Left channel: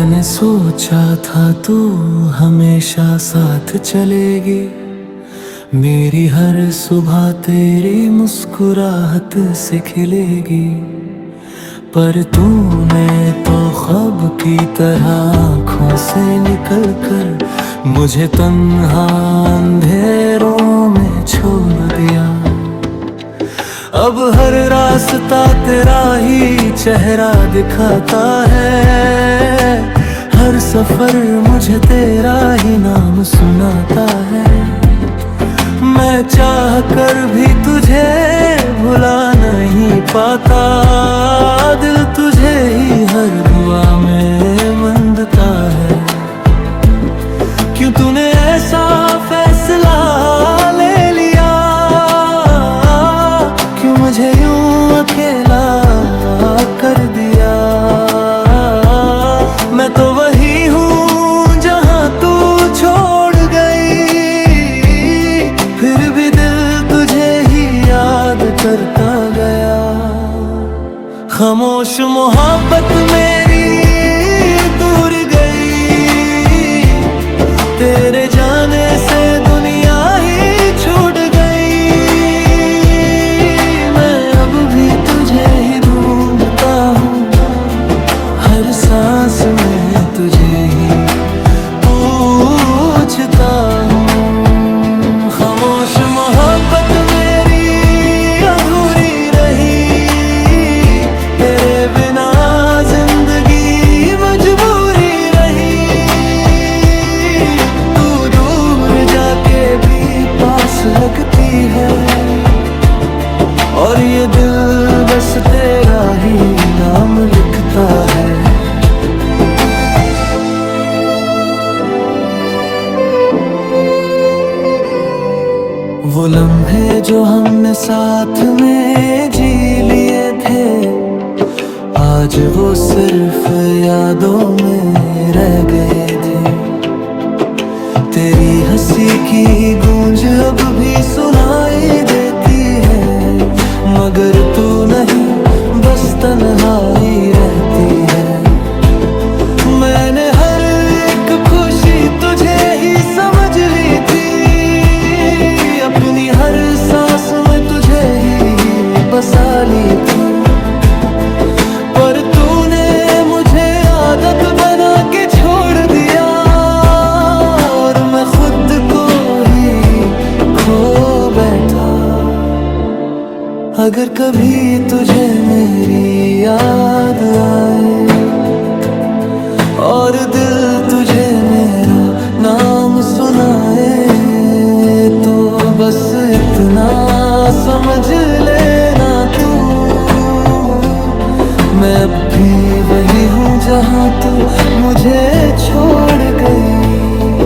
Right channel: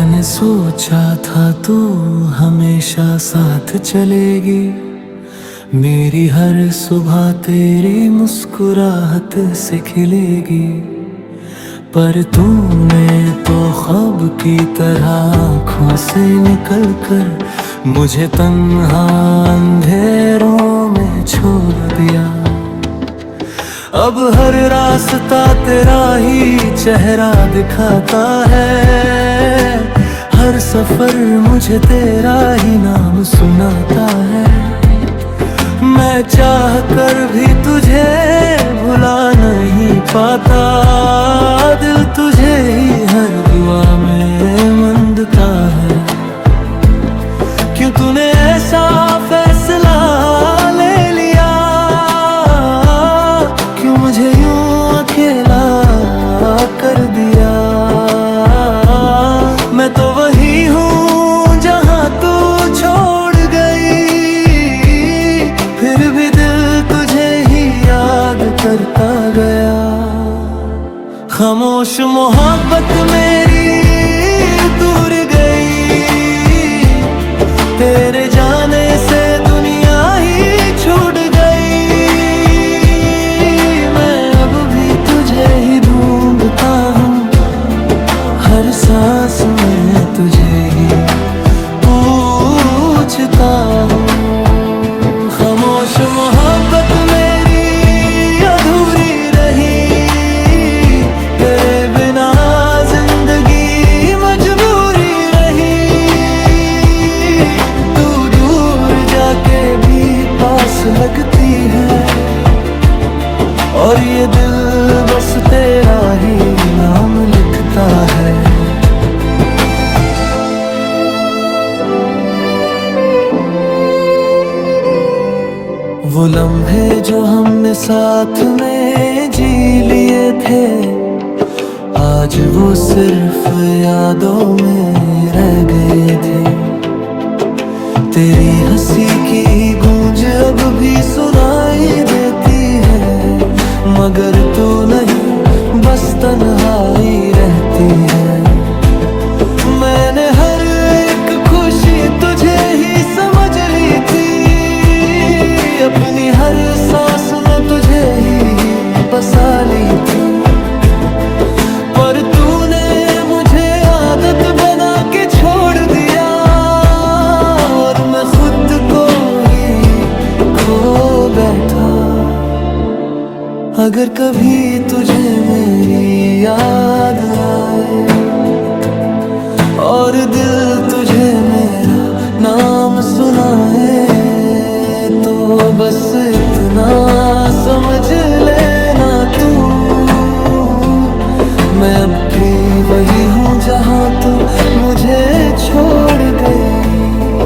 मैंने सोचा था तू हमेशा साथ चलेगी, मेरी हर सुबह तेरी मुस्कुराहट से खिलेगी। पर तूने तो ख्वाब की तरह आँखों से निकल कर मुझे तन्हा अंधेरों में छोड़ दिया। अब हर रास्ता तेरा ही चेहरा दिखाता है, हर सफर मुझे तेरा ही नाम सुनाता है। मैं चाह कर भी तुझे भुला नहीं पाता, दिल तुझे ही हर दुआ में मंदता है। क्यों तूने ऐसा फैसला ले लिया, क्यों मुझे यूं अकेला कर दिया। मैं तो वही हूँ जहाँ तू छोड़ गई, फिर भी दिल तुझे ही याद करता गया। खामोश मोहब्बत मेरी दूर गई, तेरे जाने से दुनिया ही छूट गई। मैं अब भी तुझे ही ढूंढता हूँ, हर सांस में तुझे ही पूछता हूँ। खामोश मोहब्बत मेरी अधूरी रही, तेरे बिना जिंदगी मजबूरी रही। तू दूर जाके भी पास लगती है, और ये दिल बस तेरा ही नाम लिखता है। वो लम्हे जो हमने साथ में जी लिए थे, आज वो सिर्फ यादों में रह गए थे। तेरी हंसी की गूंज अब भी सुनाई देती है, मगर तू नहीं बस तन्हाई रहती है। मैंने हर एक खुशी तुझे ही समझ ली थी, अपनी हर सांस में तुझे ही बसा ली थी। पर तूने मुझे आदत बना के छोड़ दिया, और मैं खुद को ही खो बैठा। अगर कभी तुझे मेरी याद आए, और दिल तुझे मेरा नाम सुनाए, तो बस इतना समझ लेना तू, मैं अब भी वही हूँ जहाँ तू मुझे छोड़ गई।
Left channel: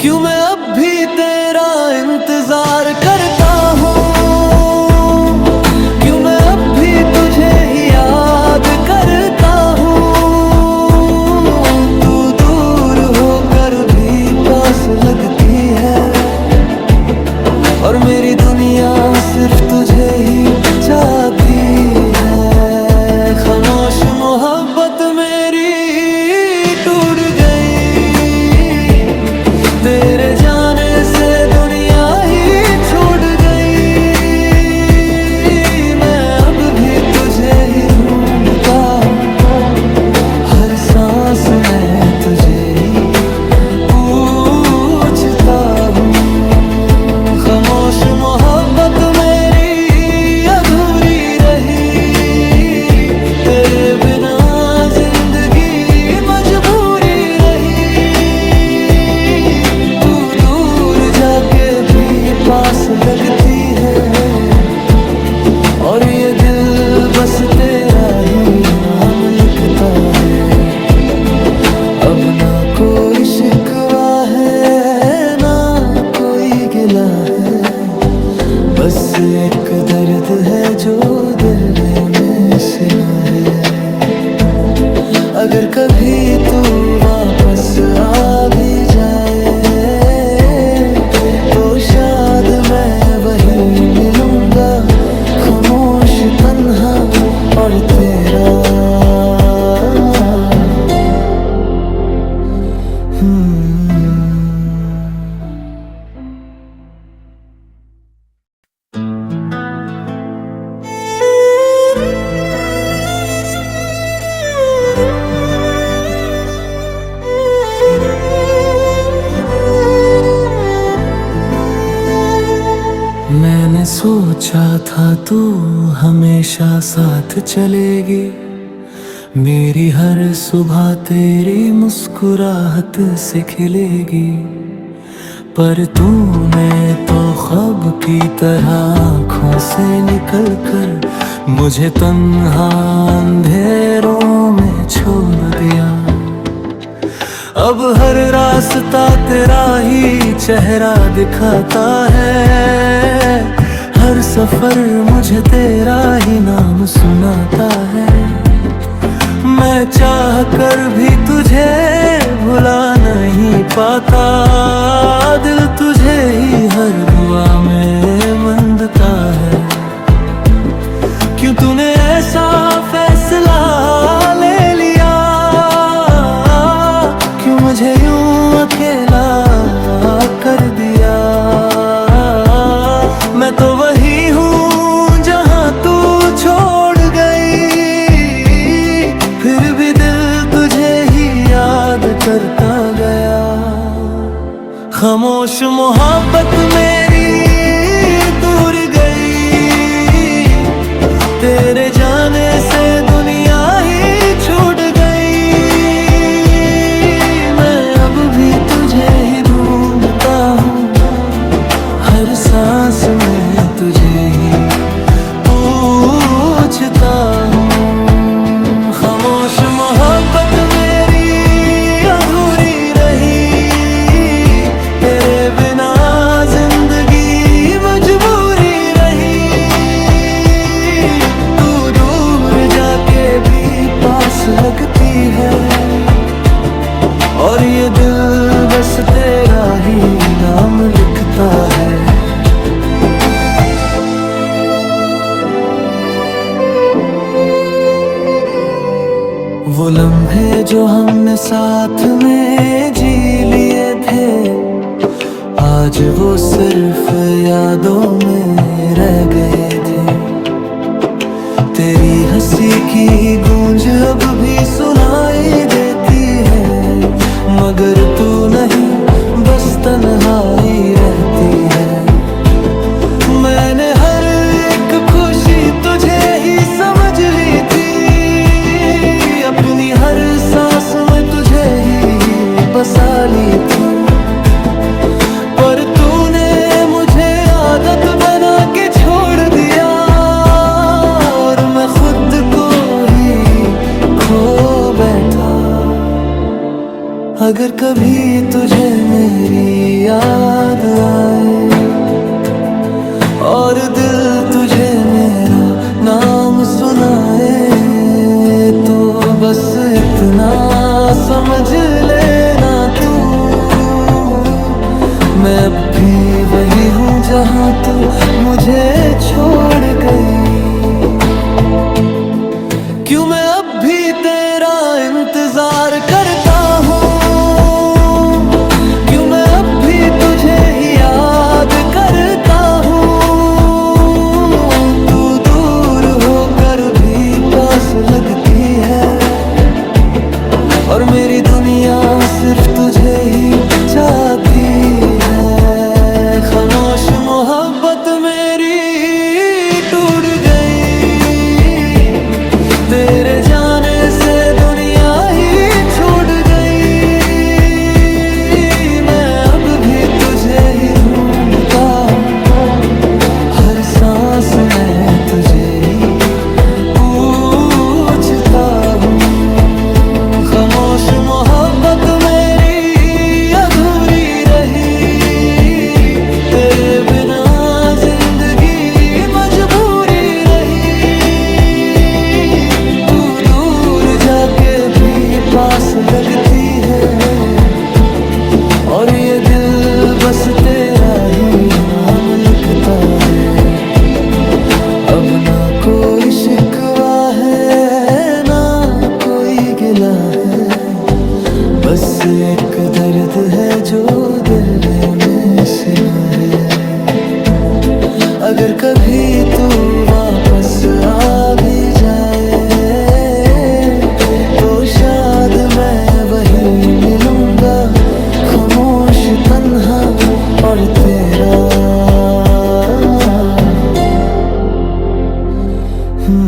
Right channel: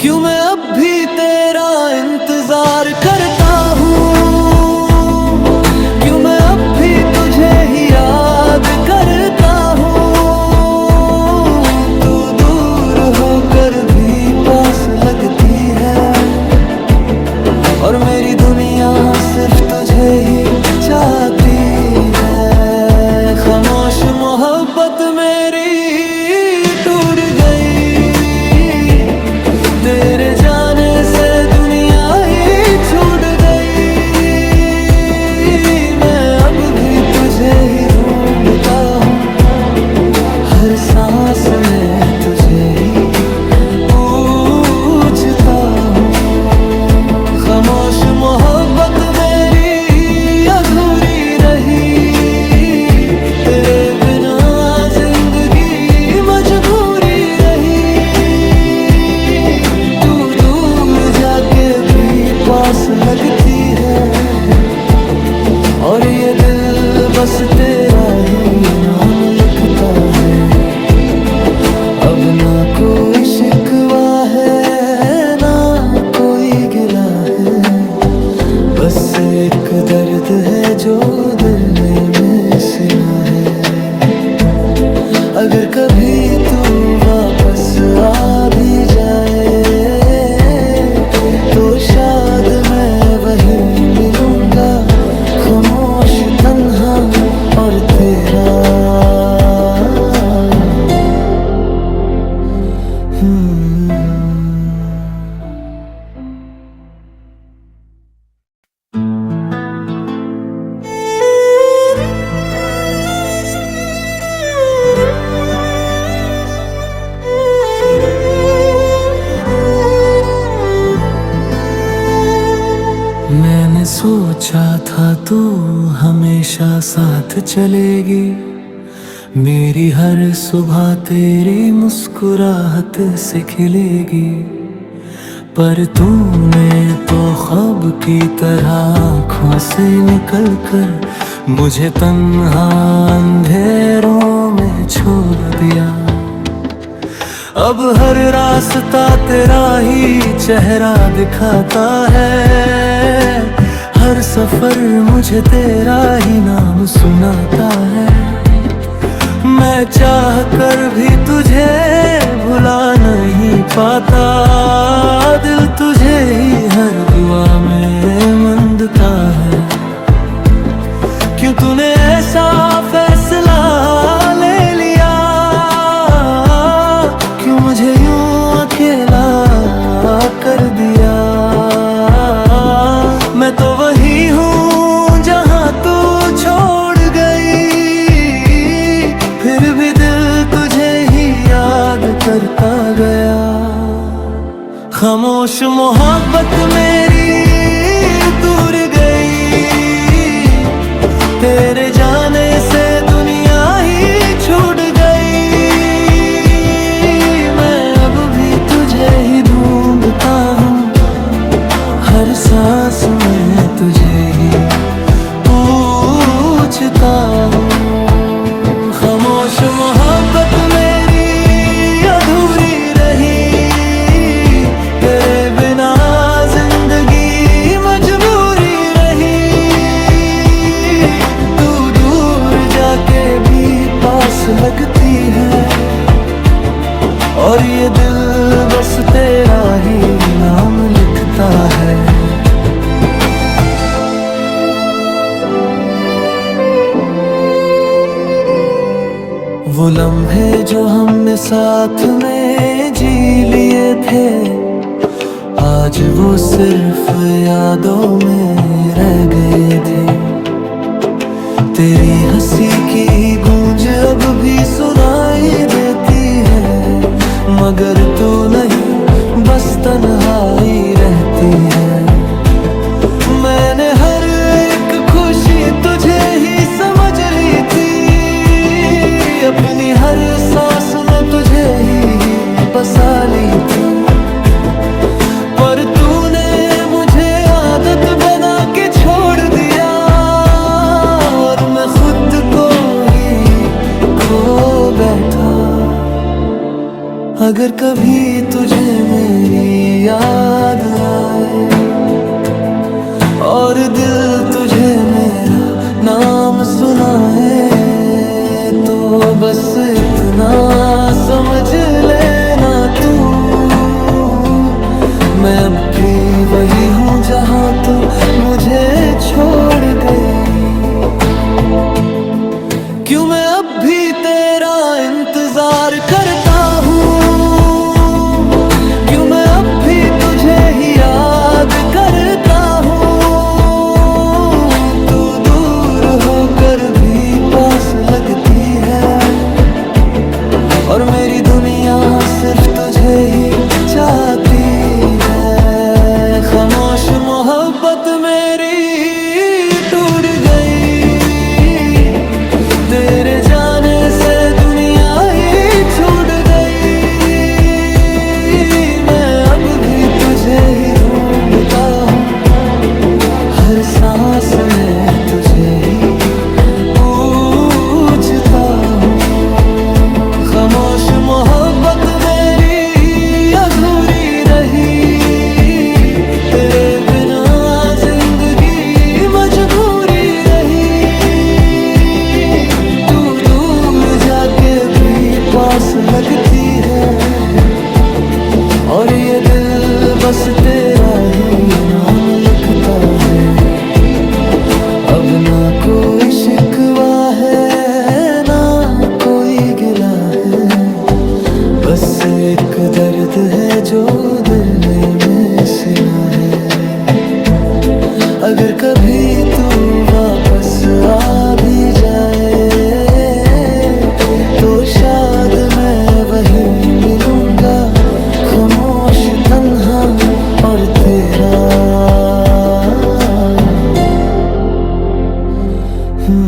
क्यों मैं अब भी तेरा इंतजार करता हूँ, क्यों मैं अब भी तुझे ही याद करता हूँ। तू दूर होकर भी पास लगती है, और मेरी दुनिया सिर्फ तुझे ही चाहती है। खामोश मोहब्बत मेरी टूट गई, तेरे जाने से दुनिया ही छूट गई। मैं अब भी तुझे ही ढूंढता हूँ, हर सांस में तुझे ही पूछता हूँ। खामोश मोहब्बत मेरी अधूरी रही, तेरे बिना जिंदगी मजबूरी रही। तू दूर जाके भी पास लगती है, और ये दिल बस तेरा ही नाम लिखता है। अब ना कोई शिकवा है, ना कोई गिला है, बस एक दर्द है जो दिल में सिला है। अगर कभी तू वापस आ भी जाए, तो शायद मैं वहीं मिलूंगा, खामोश तन्हा और तेरा सोचा था तू हमेशा साथ चलेगी, मेरी हर सुबह तेरी मुस्कुराहट से खिलेगी। पर तूने तो ख्वाब की तरह आँखों से निकल कर मुझे तन्हा अंधेरों में छोड़ दिया। अब हर रास्ता तेरा ही चेहरा दिखाता है, हर सफर मुझे तेरा ही नाम सुनाता है। मैं चाह कर भी तुझे भुला नहीं पाता, दिल तुझे ही हर दुआ में मंदता है। क्यों तूने ऐसा फैसला ले लिया, क्यों मुझे यूं अकेला कर दिया। मैं तो वही हूँ जहाँ तू छोड़ गई, फिर भी दिल तुझे ही याद करता गया। खामोश मोहब्बत मेरी दूर गई, तेरे जाने से दुनिया ही छूट गई। मैं अब भी तुझे ही ढूंढता हूँ, हर सांस में तुझे ही पूछता हूँ। खामोश मोहब्बत मेरी अधूरी रही, तेरे बिना जिंदगी मजबूरी रही। तू दूर जाके भी पास लगती है, और ये दिल बस तेरा ही नाम लिखता है। वो लम्हे जो हमने साथ में जी लिए थे, आज वो सिर्फ यादों में रह गए थे। तेरी हंसी की गूंज अब भी सुनाई देती है, मगर तू नहीं बस तन्हाई रहती है। मैंने हर एक खुशी तुझे ही समझ ली थी, अपनी हर सांस में तुझे ही बसा ली थी। पर तूने मुझे आदत बना के छोड़ दिया, और मैं खुद को ही खो बैठा। अगर कभी तुझे मेरी याद आए, और दिल तुझे मेरा नाम सुनाए, तो बस इतना समझ लेना तू, मैं अब भी वही हूँ जहाँ तू मुझे छोड़ गई। क्यों मैं अब भी तेरा इंतजार करता हूँ, क्यों मैं अब भी तुझे ही याद करता हूँ। तू दूर होकर भी पास लगती है, और मेरी दुनिया सिर्फ तुझे ही चाहती है। खामोश मोहब्बत मेरी टूट गई, तेरे जाने से दुनिया ही छूट गई। मैं अब भी तुझे ही ढूंढता हूँ, हर सांस में तुझे ही पूछता हूँ। खामोश मोहब्बत मेरी अधूरी रही, तेरे बिना जिंदगी मजबूरी रही। तू दूर जाके भी पास लगती है, और ये दिल बस तेरा ही नाम लिखता है। अब ना कोई शिकवा है, ना कोई गिला है, बस एक दर्द है जो दिल में सिला है। अगर कभी तू वापस आ भी जाए, तो शायद मैं वहीं मिलूंगा, खामोश तन्हा और तेरा मैंने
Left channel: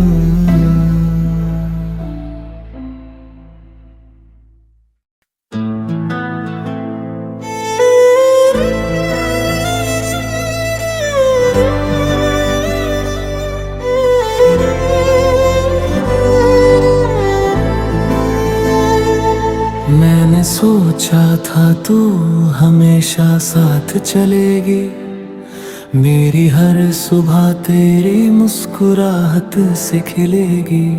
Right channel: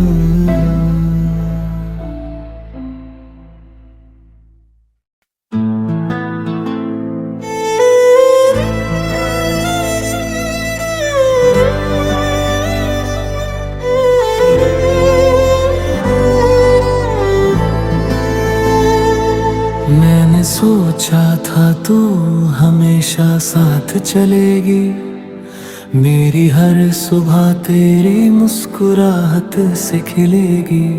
सोचा था तू हमेशा साथ चलेगी, मेरी हर सुबह तेरी मुस्कुराहट से खिलेगी।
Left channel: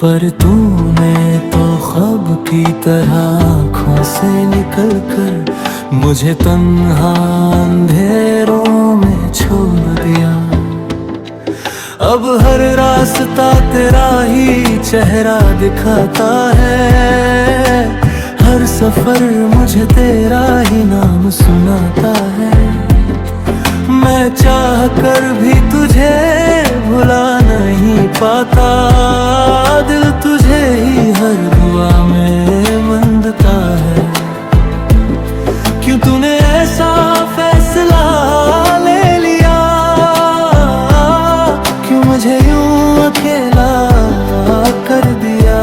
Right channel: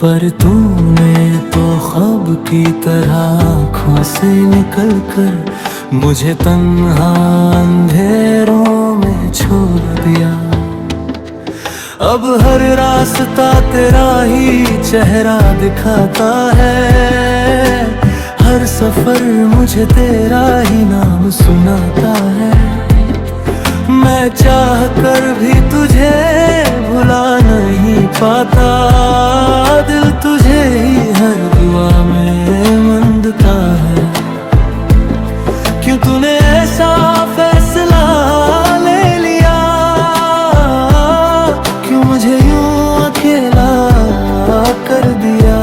पर तूने तो ख्वाब की तरह आँखों से निकल कर मुझे तन्हा अंधेरों में छोड़ दिया। अब हर रास्ता तेरा ही चेहरा दिखाता है, हर सफर मुझे तेरा ही नाम सुनाता है। मैं चाह कर भी तुझे भुला नहीं पाता, दिल तुझे ही हर दुआ में मंदता है। क्यों तूने ऐसा फैसला ले लिया, क्यों मुझे यूं अकेला कर दिया।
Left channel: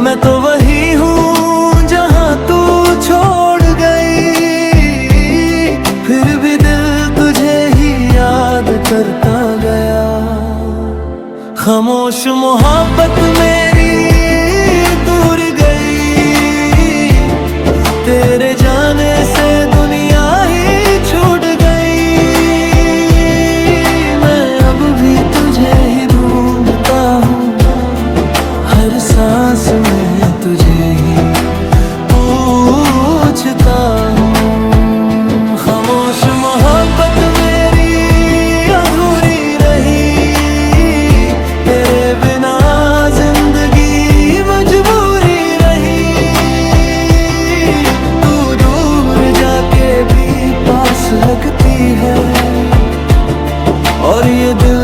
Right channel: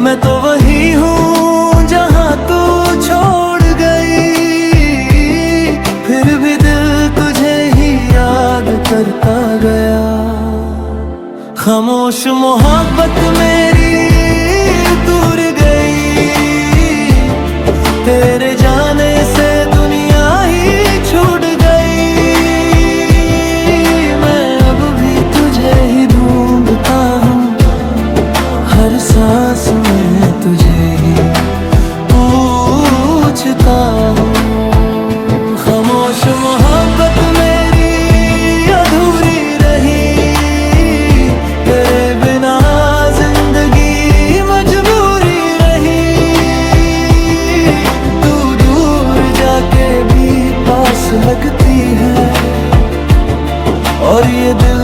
मैं तो वही हूँ जहाँ तू छोड़ गई, फिर भी दिल तुझे ही याद करता गया। खामोश मोहब्बत मेरी दूर गई, तेरे जाने से दुनिया ही छूट गई। मैं अब भी तुझे ही ढूंढता हूँ, हर सांस में तुझे ही पूछता हूँ। खामोश मोहब्बत मेरी अधूरी रही, तेरे बिना जिंदगी मजबूरी रही। तू दूर जाके भी पास लगती है, और ये दिल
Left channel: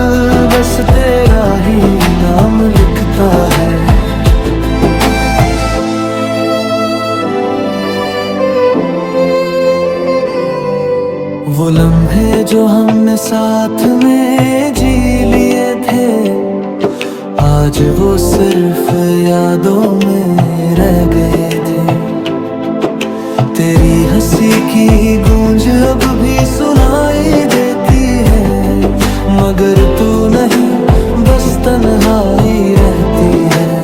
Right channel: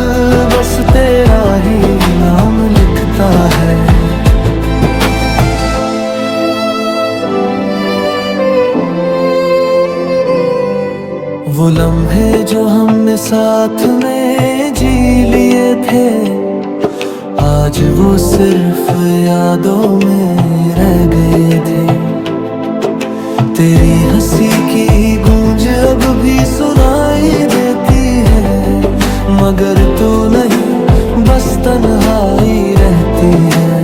बस तेरा ही नाम लिखता है। वो लम्हे जो हमने साथ में जी लिए थे, आज वो सिर्फ यादों में रह गए थे। तेरी हंसी की गूंज अब भी सुनाई देती है, मगर तू नहीं बस तन्हाई रहती है।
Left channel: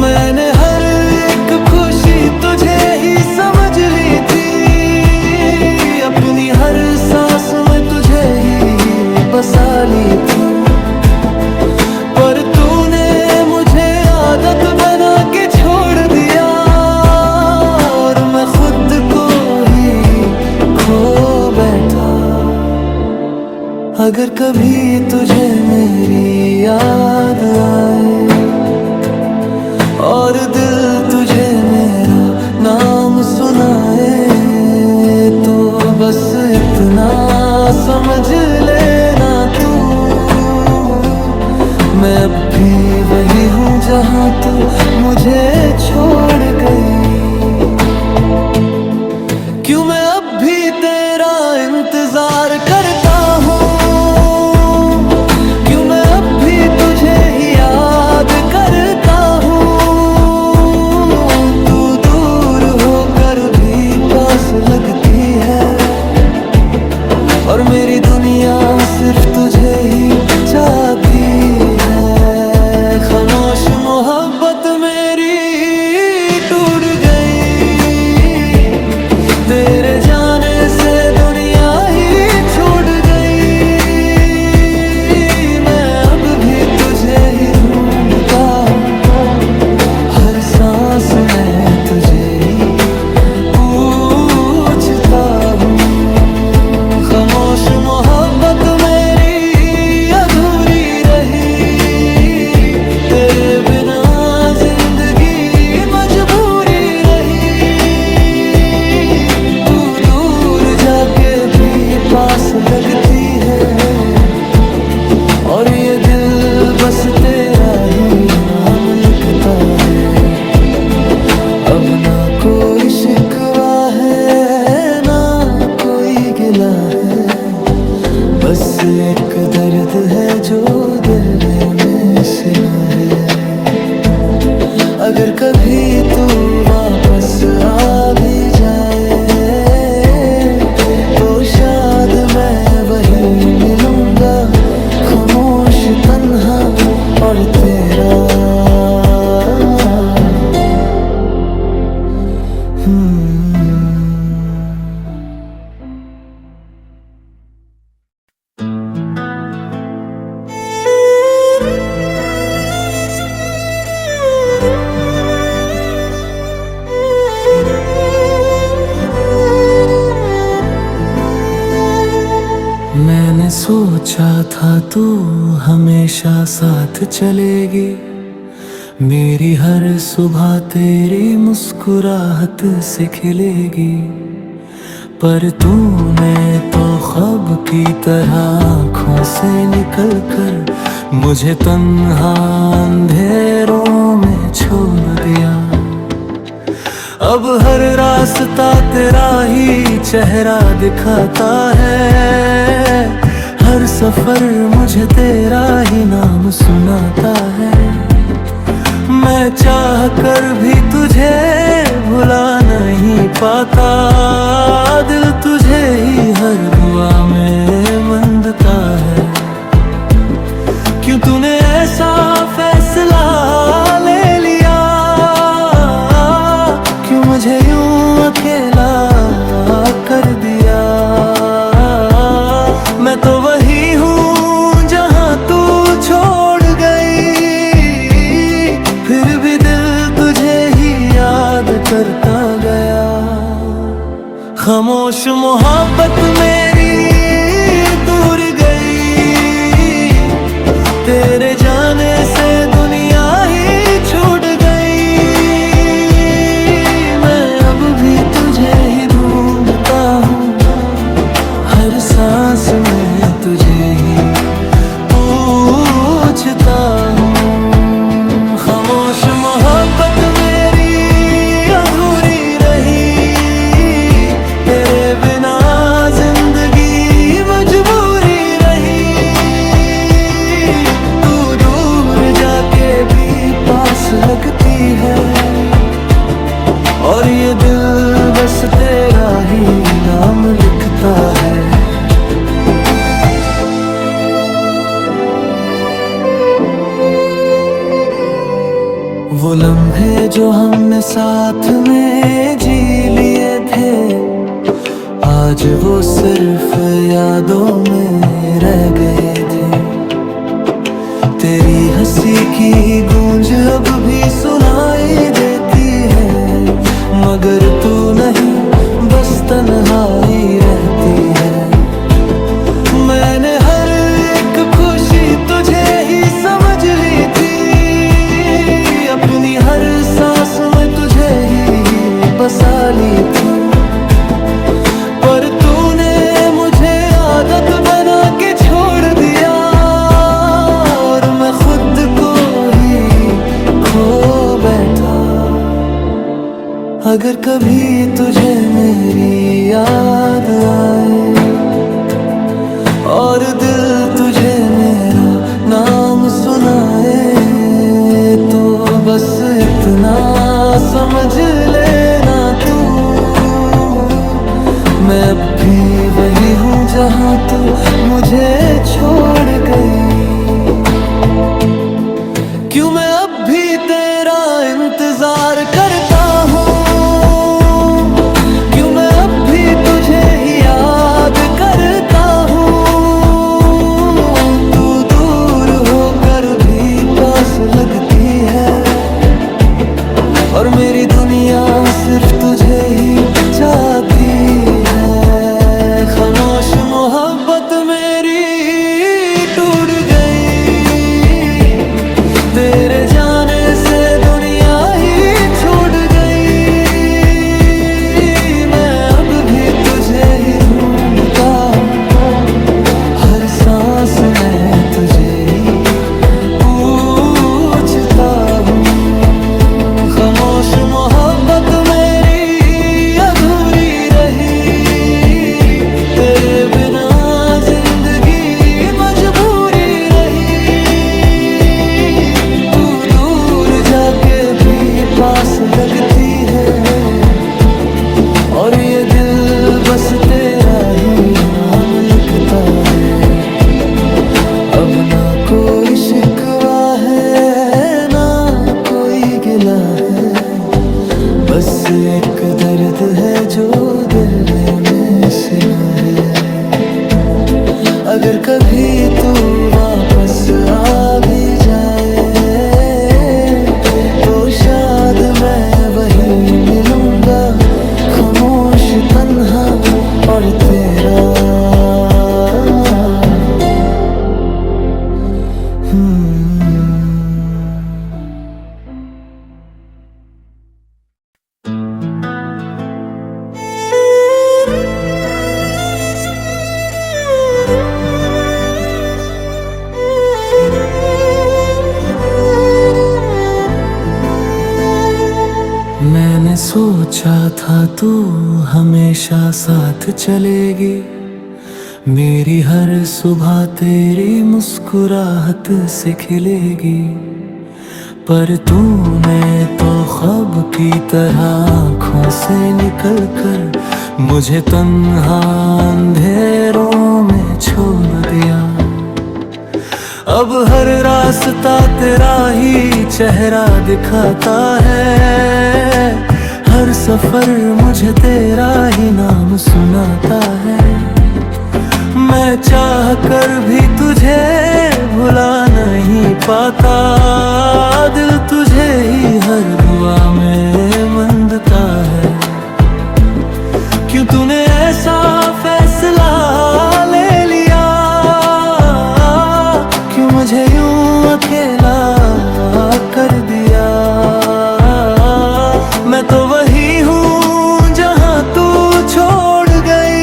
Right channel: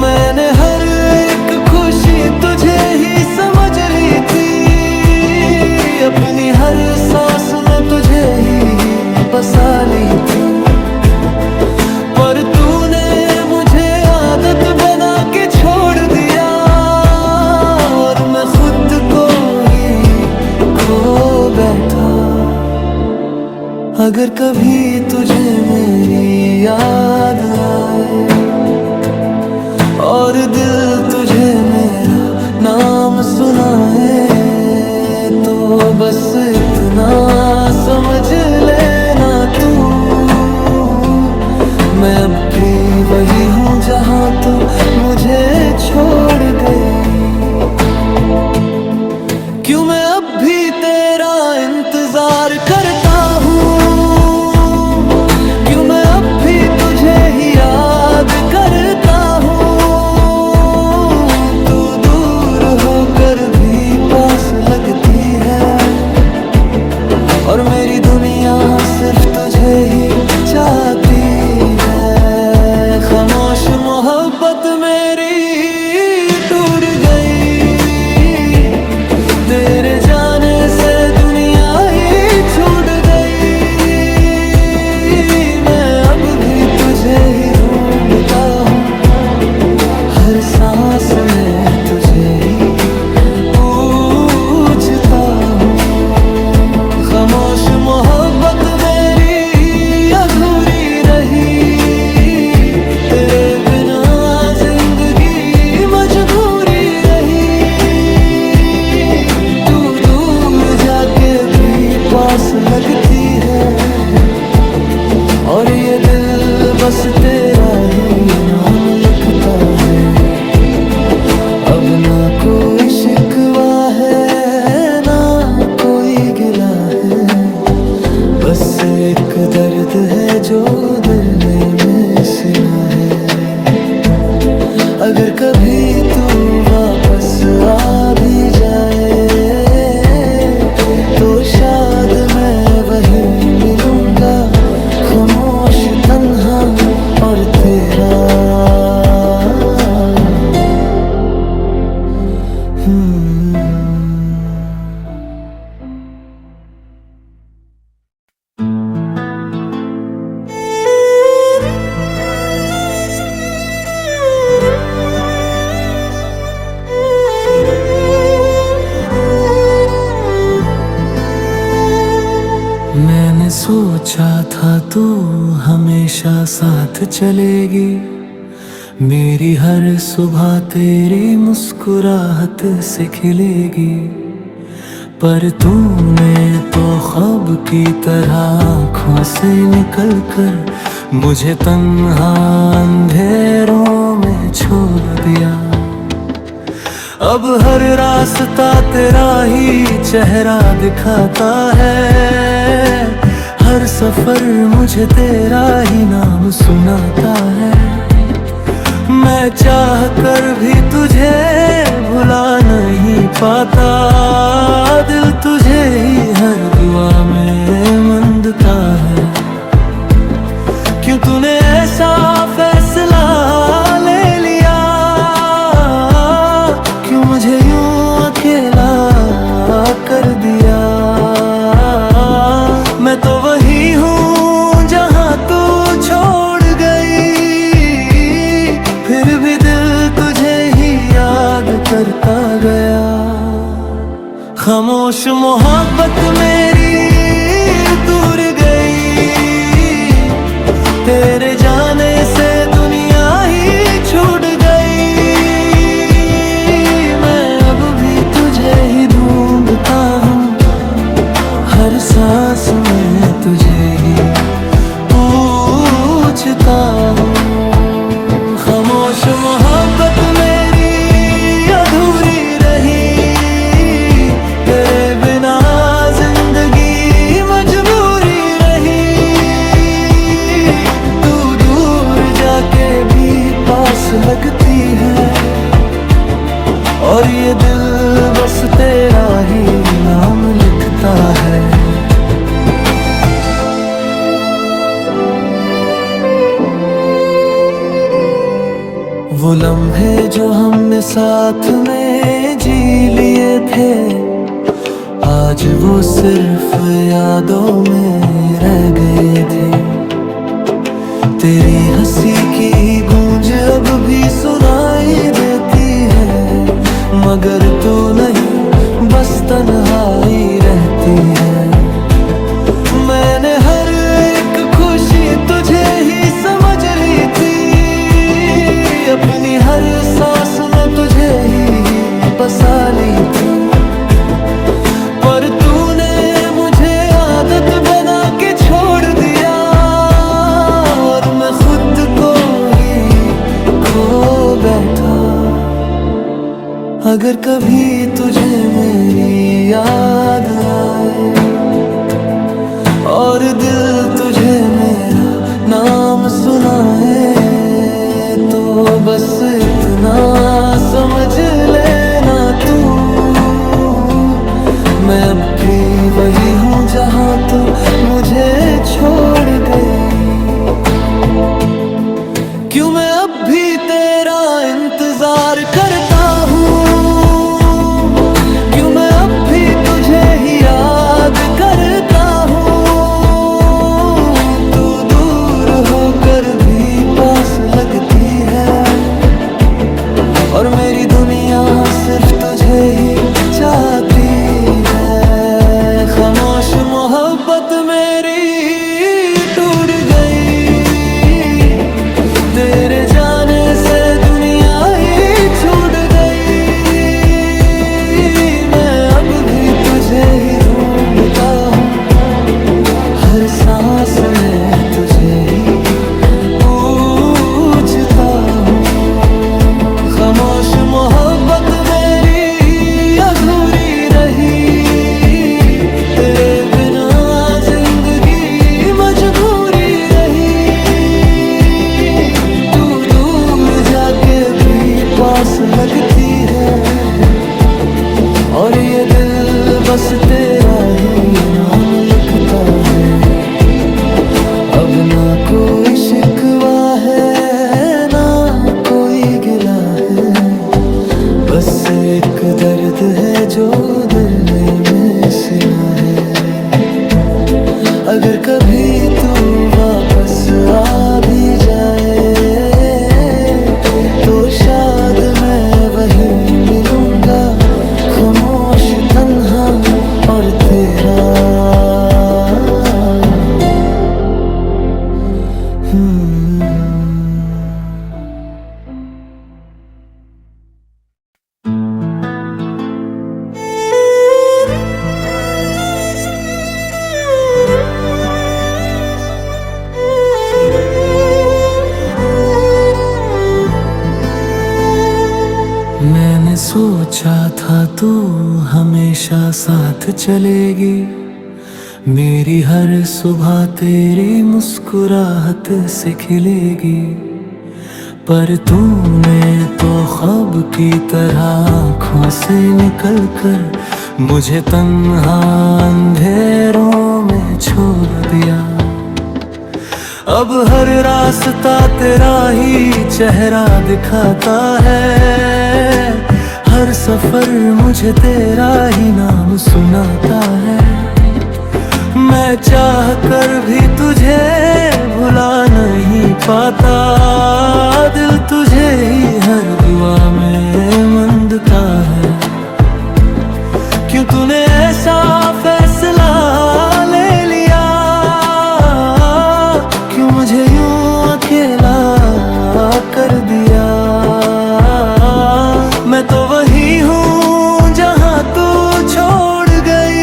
मैंने हर एक खुशी तुझे ही समझ ली थी, अपनी हर सांस में तुझे ही बसा ली थी। पर तूने मुझे आदत बना के छोड़ दिया, और मैं खुद को ही खो बैठा। अगर कभी तुझे मेरी याद आए, और दिल तुझे मेरा नाम सुनाए, तो बस इतना समझ लेना तू, मैं अब भी वही हूँ जहाँ तू मुझे छोड़ गई। क्यों मैं अब भी तेरा इंतजार करता हूँ, क्यों मैं अब भी तुझे ही याद करता हूँ। तू दूर होकर भी पास लगती है, और मेरी दुनिया सिर्फ तुझे ही चाहती है। खामोश मोहब्बत मेरी टूट गई, तेरे जाने से दुनिया ही छूट गई। मैं अब भी तुझे ही ढूंढता हूँ, हर सांस में तुझे ही पूछता हूँ। खामोश मोहब्बत मेरी अधूरी रही, तेरे बिना जिंदगी मजबूरी रही। तू दूर जाके भी पास लगती है, और ये दिल बस तेरा ही नाम लिखता है। अब ना कोई शिकवा है, ना कोई गिला है, बस एक दर्द है जो दिल में सिला है। अगर कभी तू वापस आ भी जाए तो शायद मैं वहीं मिलूंगा, खामोश तन्हा और तेरा। मैंने सोचा था तू हमेशा साथ चलेगी, मेरी हर सुबह तेरी मुस्कुराहट से खिलेगी। पर तूने तो ख्वाब की तरह आँखों से निकल कर मुझे तन्हा अंधेरों में छोड़ दिया। अब हर रास्ता तेरा ही चेहरा दिखाता है, हर सफर मुझे तेरा ही नाम सुनाता है। मैं चाह कर भी तुझे भुला नहीं पाता, दिल तुझे ही हर दुआ में मंदता है। क्यों तूने ऐसा फैसला ले लिया, क्यों मुझे यूं अकेला कर दिया। मैं तो वही हूँ जहाँ तू छोड़ गई, फिर भी दिल तुझे ही याद करता गया। खामोश मोहब्बत मेरी दूर गई, तेरे जाने से दुनिया ही छूट गई। मैं अब भी तुझे ही ढूंढता हूँ, हर सांस में तुझे ही पूछता हूँ। खामोश मोहब्बत मेरी अधूरी रही, तेरे बिना जिंदगी मजबूरी रही। तू दूर जाके भी पास लगती है, और ये दिल बस तेरा ही नाम लिखता है। वो लम्हे जो हमने साथ में जी लिए थे, आज वो सिर्फ यादों में रह गए थे। तेरी हंसी की गूंज अब भी सुनाई देती है, मगर तू नहीं बस तन्हाई रहती है। मैंने हर एक खुशी तुझे ही समझ ली थी, अपनी हर सांस में तुझे ही बसा ली थी। पर तूने मुझे आदत बना के छोड़ दिया, और मैं खुद को ही खो बैठा। अगर कभी तुझे मेरी याद आए, और दिल तुझे मेरा नाम सुनाए, तो बस इतना समझ लेना तू, मैं अब भी वही हूँ जहाँ तू मुझे छोड़ गई। क्यों मैं अब भी तेरा इंतजार करता हूँ, क्यों मैं अब भी तुझे ही याद करता हूँ। तू दूर होकर भी पास लगती है, और मेरी दुनिया सिर्फ तुझे ही चाहती है। खामोश मोहब्बत मेरी टूट गई, तेरे जाने से दुनिया ही छूट गई। मैं अब भी तुझे ही ढूंढता हूँ, हर सांस में तुझे ही पूछता हूँ। खामोश मोहब्बत मेरी अधूरी रही, तेरे बिना जिंदगी पास लगती है, और ये दिल बस तेरा ही नाम लिखता है। अब ना कोई शिकवा है, ना कोई गिला है, बस एक दर्द है जो दिल में सिला है। अगर कभी तू वापस आ भी जाए, तो शायद मैं वहीं मिलूंगा, खामोश तन्हा और तेरा। मैंने सोचा था तू हमेशा साथ चलेगी, मेरी हर सुबह तेरी मुस्कुराहट से खिलेगी। पर तूने तो ख्वाब की तरह आँखों से निकल कर मुझे तन्हा अंधेरों में छोड़ दिया। अब हर रास्ता तेरा ही चेहरा दिखाता है, हर सफर मुझे तेरा ही नाम सुनाता है। मैं चाह कर भी तुझे भुला नहीं पाता, दिल तुझे ही हर दुआ में मंदता है। क्यों तूने ऐसा फैसला ले लिया, क्यों मुझे यूं अकेला कर दिया। मैं तो वही हूँ जहाँ तू छोड़ गई,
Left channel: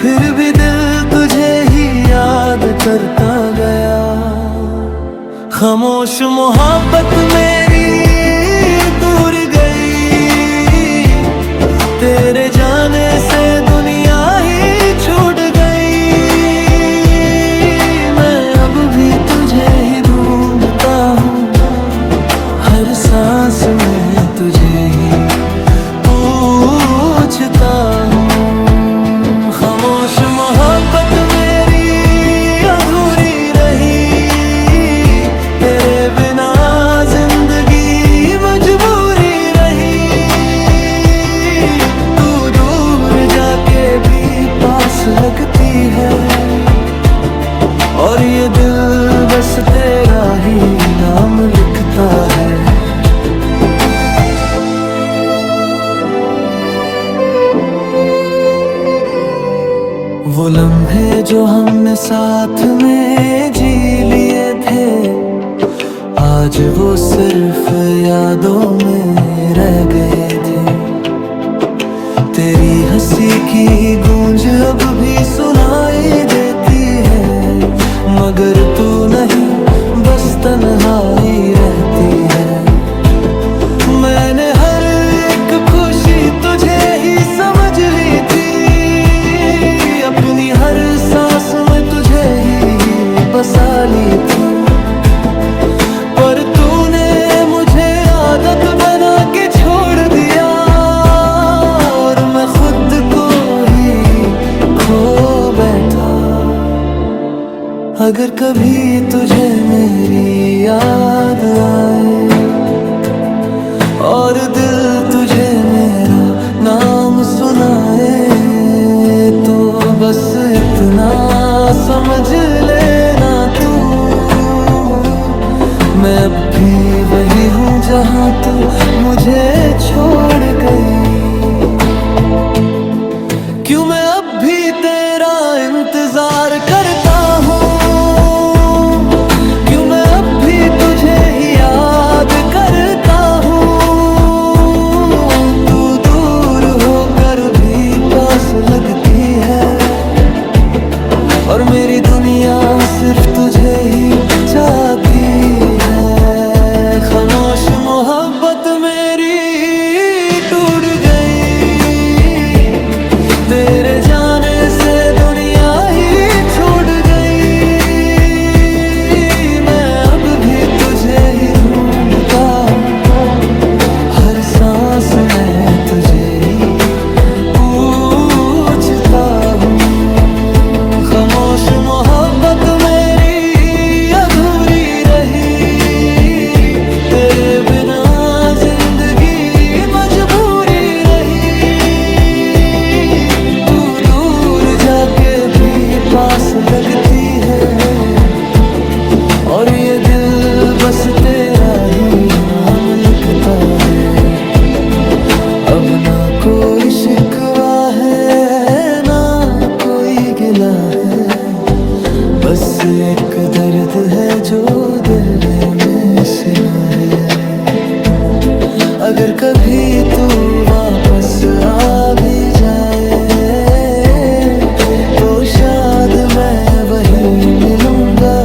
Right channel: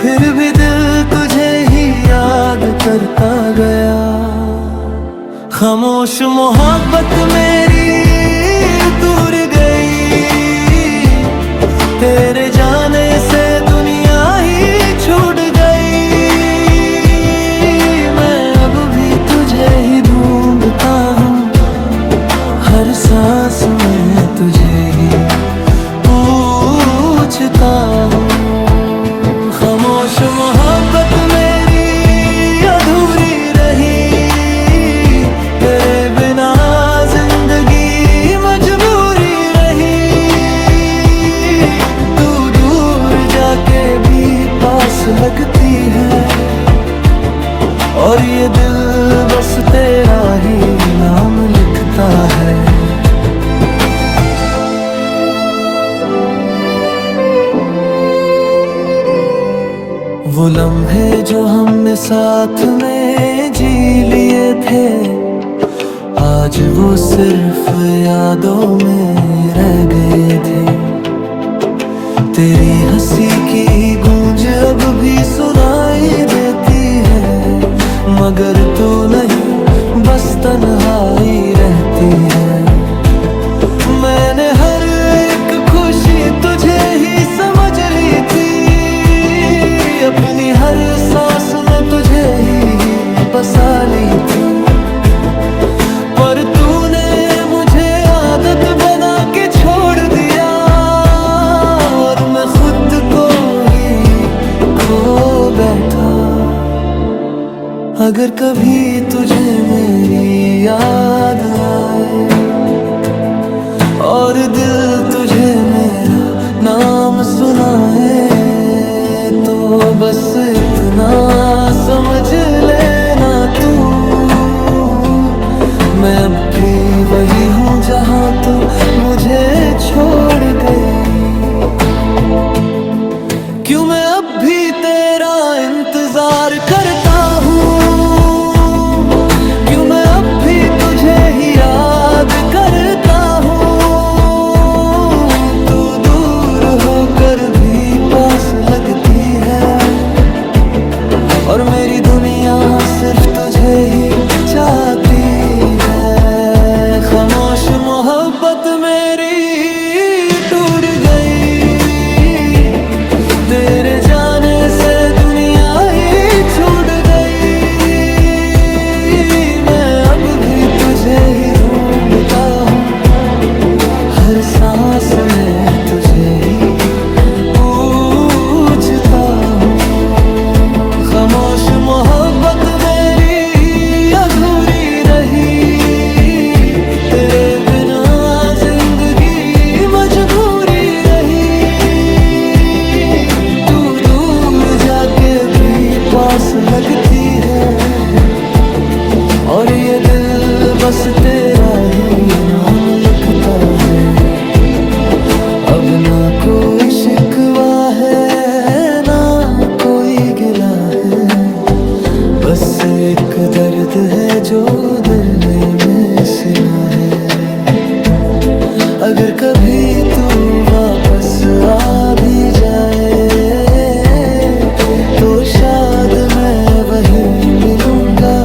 फिर भी दिल तुझे ही याद करता गया। खामोश मोहब्बत मेरी दूर गई, तेरे जाने से दुनिया ही छूट गई। मैं अब भी तुझे ही ढूंढता हूँ, हर सांस में तुझे ही पूछता हूँ। खामोश मोहब्बत मेरी अधूरी रही, तेरे बिना जिंदगी मजबूरी रही। तू दूर जाके भी पास लगती है, और ये दिल बस तेरा ही नाम लिखता है। वो लम्हे जो हमने साथ में जी लिए थे, आज वो सिर्फ यादों में रह गए थे। तेरी हंसी की गूंज अब भी सुनाई देती है, मगर तू नहीं बस तन्हाई रहती है। मैंने हर एक खुशी तुझे ही समझ ली थी, अपनी हर सांस में तुझे ही बसा ली थी। पर तूने मुझे आदत बना के छोड़ दिया, और मैं खुद को ही खो बैठा। अगर कभी तुझे मेरी याद आए, और दिल तुझे मेरा नाम सुनाए, तो बस इतना समझ लेना तू, मैं अब भी वही हूँ जहाँ तू मुझे छोड़ गई। क्यों मैं अब भी तेरा इंतजार करता हूँ, क्यों मैं अब भी तुझे ही याद करता हूँ। तू दूर होकर भी पास लगती है, और मेरी दुनिया सिर्फ तुझे ही चाहती है। खामोश मोहब्बत मेरी टूट गई, तेरे जाने से दुनिया ही छूट गई। मैं अब भी तुझे ही ढूंढता हूँ, हर सांस में तुझे ही पूछता हूँ। खामोश मोहब्बत मेरी अधूरी रही, तेरे बिना जिंदगी मजबूरी रही। तू दूर जाके भी पास लगती है, और ये दिल बस तेरा ही नाम लिखता है। अब ना कोई शिकवा है, ना कोई गिला है, बस एक दर्द है जो दिल में सिला है। अगर कभी तू वापस आ भी जाए, तो शायद मैं वहीं मिलूंगा,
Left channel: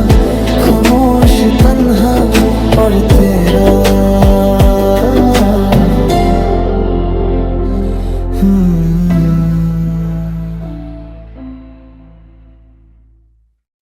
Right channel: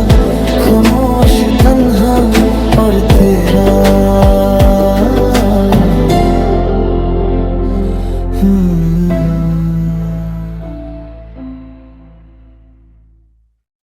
खामोश तन्हा और तेरा।